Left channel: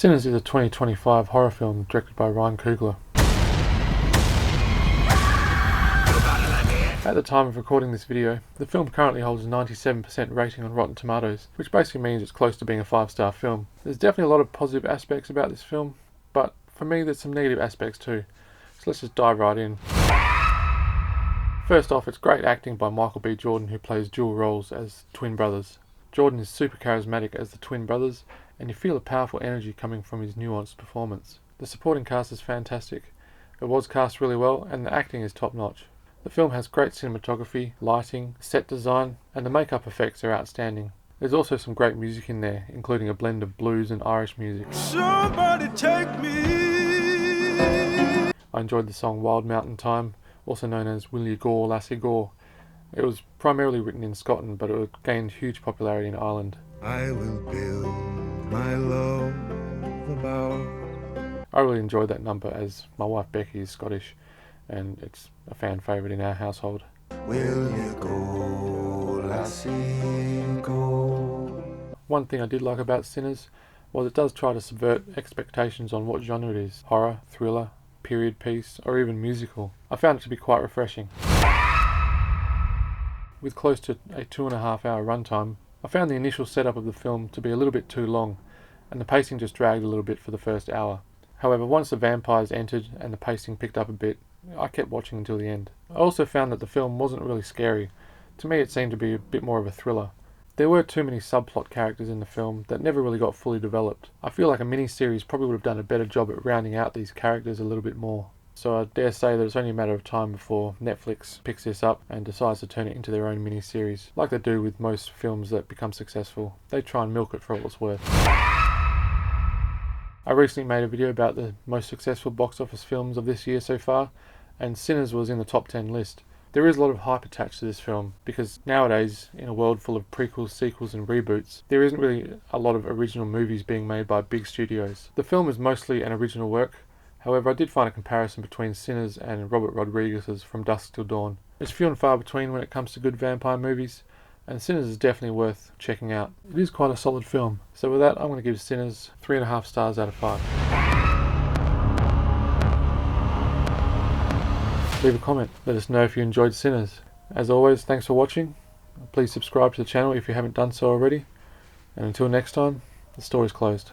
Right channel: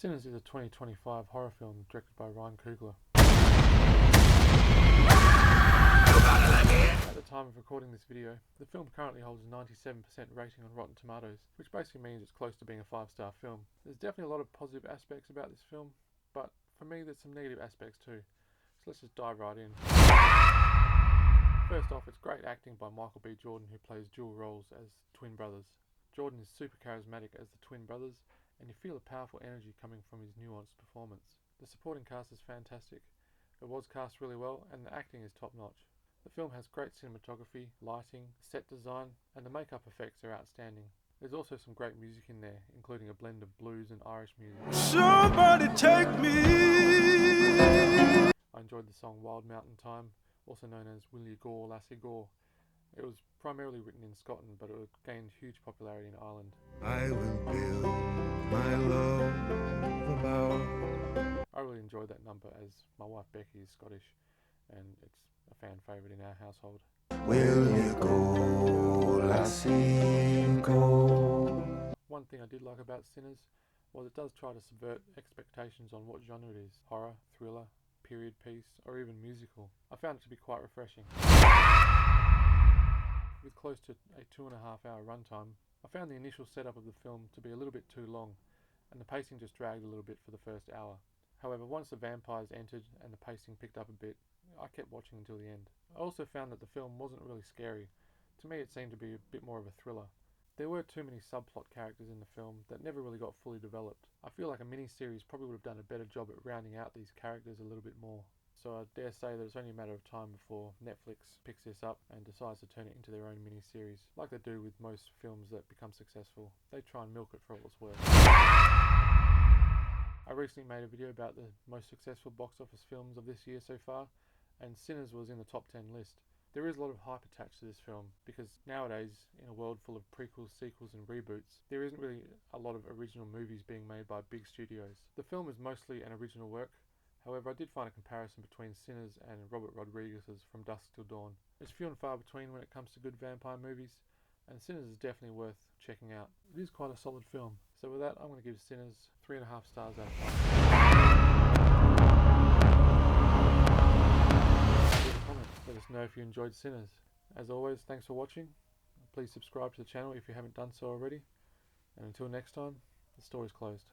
Sinners is a 2025 horror film directed by Ryan Coogler. At the time of recording this video, the film currently holds a 97% rating on Rotten Tomatoes, which basically means it's close to being a 5-star film. There's definitely a lot of positive aspects about this film, but for me there's some negative aspects too. So let's just dive right in. First off, it's great acting by Michael B. Jordan, who plays dual roles as twin brothers. Jordan is super charismatic as the twin brothers, and you feel a powerful energy coming from his nuanced performance. The supporting cast is fantastic. It was cast really well, and the acting is top notch. The film has great cinematography, lighting, set design, and the makeup effects are outstanding. There's also some great music in there, including a blend of blues and Irish music. Somebody take me. I enjoyed the song Wild Mountain Time, also known as Will You Gore, Lassie Gore. It was primarily written in Scotland, but it gained huge popularity in Ireland. I will build my love about. I really enjoyed that number, as my wife Becky is Scottish, and it's a fan favourite in our household. Will you go, lassie, go? One thing I did like about Sinners was it does try to subvert expectations on what genre it is: horror, thriller, period piece, or even musical. I found it to be quite refreshing. With close to a 2.5 hour runtime, I found the initial setup of the film to be a little bit too long, and the pacing just dragged a little bit for the first hour. However, once the vampires entered and the pacing picked up a bit, I kept watching until the end. I also found that the film wasn't really scary. To me, it seemed to be a bit more of a thriller. There were too many subplot characters in the film that never really got fully developed. I feel like a mini-series probably would have done a better job at rounding out these characters a little bit more. So I dare say that it's only a matter of time before Netflix picks this up and decides to turn it into their own mini-series. Like they do with most films that become successful. They try and milk it for all it's worth. I recently made a video about the most successful box office films of this year so far, and Sinners was in the top 10 list. There is a lot of hype attached to this film, because nowadays, in a world full of prequels, sequels and reboots, there isn't really a lot of original movies being made by big studios. The film is mostly an original work. However, I did find a comparison between Sinners and Robert Rodriguez's From Dusk Till Dawn. It's few and far between when it comes to good vampire movies, and Sinners is definitely worth checking out. It is quite a solid film. So with that, I'm going to give Sinners 3.5 stars out of 5. Leave a comment, let us know if you enjoyed Sinners. As always, thanks for watching. Please subscribe to the channel if you haven't done so already. And until next time, the story's closed.